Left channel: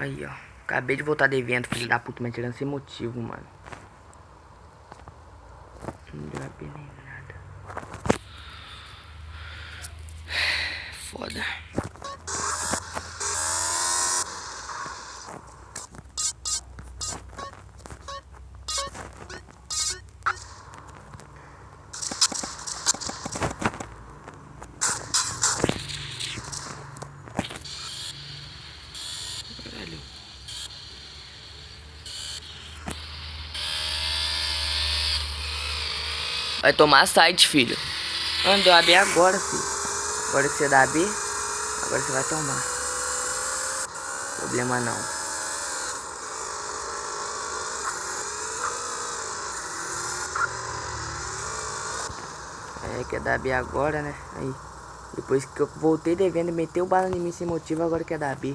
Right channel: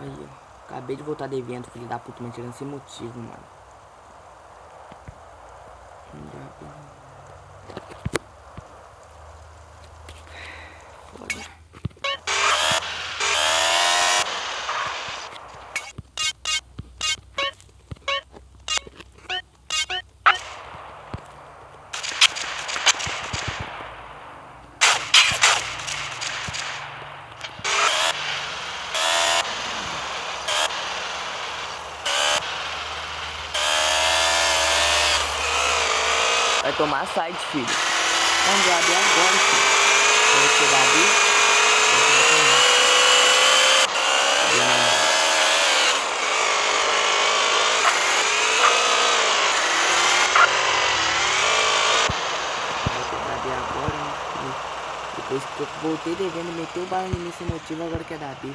Aí, ó. Acabei de voltar devendo, filho da puta, mas tirando sem motivo, mano. Não deu a pena nem nada. Foda. Vai tomar site, filho. Não deu AB agora, filho. Agora que você dá AB, agora você vai tomar. AB manual. Agora que dar AB agora, né? Depois que eu voltei devendo, meteu o bala em mim sem motivo, agora quer dar AB.